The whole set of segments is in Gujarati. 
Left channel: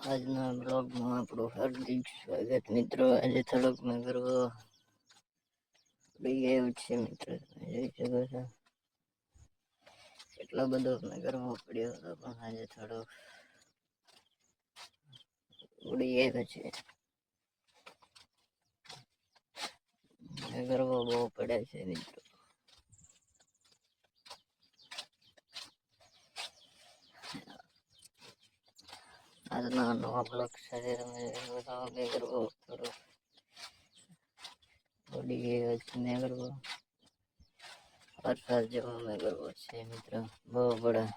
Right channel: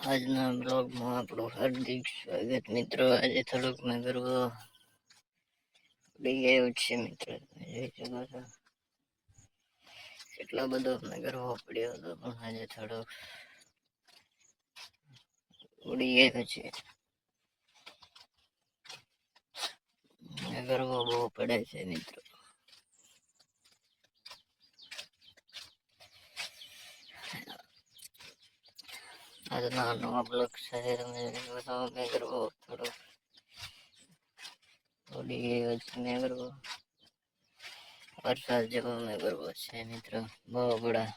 નવા બ્લોગમાં આપણું હાર્દિક સ્વાગત મિત્રો. આજે થોડોક મેં કરવો ઉડી ગયું છે મિત્રો. જોઈ શકો છો. એટલો બધો મેં કરવો પડ્યો હતો, પણ આજે થોડોક ઉડી ગયું છે. કરવો બહુ પડે છે મિત્રો. આજના નવા બ્લોગ સાથે તમે બતાવો મેં કરવો થોડો થોડી છે મેં કરવો વરસાદ જેવો મેં કરવો છે મિત્રો બહુ બડા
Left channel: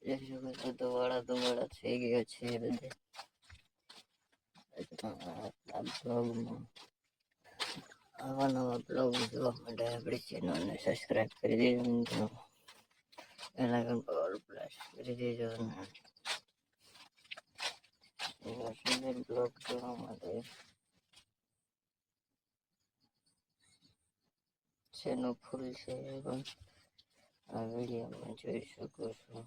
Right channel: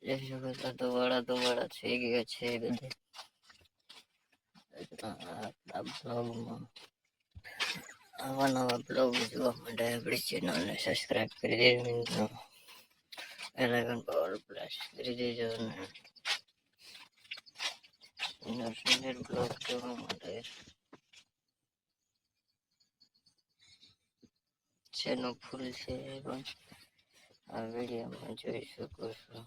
જોઈ શકો છો ધુવાડા ધુવાડા થઈ ગયા છે બધે આ બ્લોગમાં આવા નવા બ્લોગ જોવા માટે આપણી ચેનલને સબસ્ક્રાઈબ કરી દેજો મિત્રો એલાગન પાવર પ્લસ કરી દેજો સુંદર બ્લોગ જોવા માટે શેનો ફૂલ છે આ વિડીયોમાં જોઈ શકો છો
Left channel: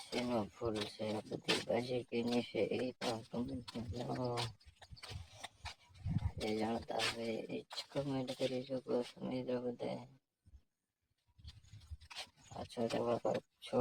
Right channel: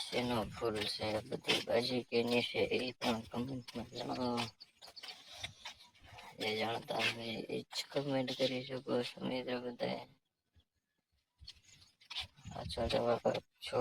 શેનો ફૂલ છે આ બધી ભાજી કેની છે એ પણ કમેન્ટમાં જણાવો જે જાણતા હોય એ જ કમેન્ટ કરી શકો છો મિત્રો બધાએ પાછો જવાબ આપજો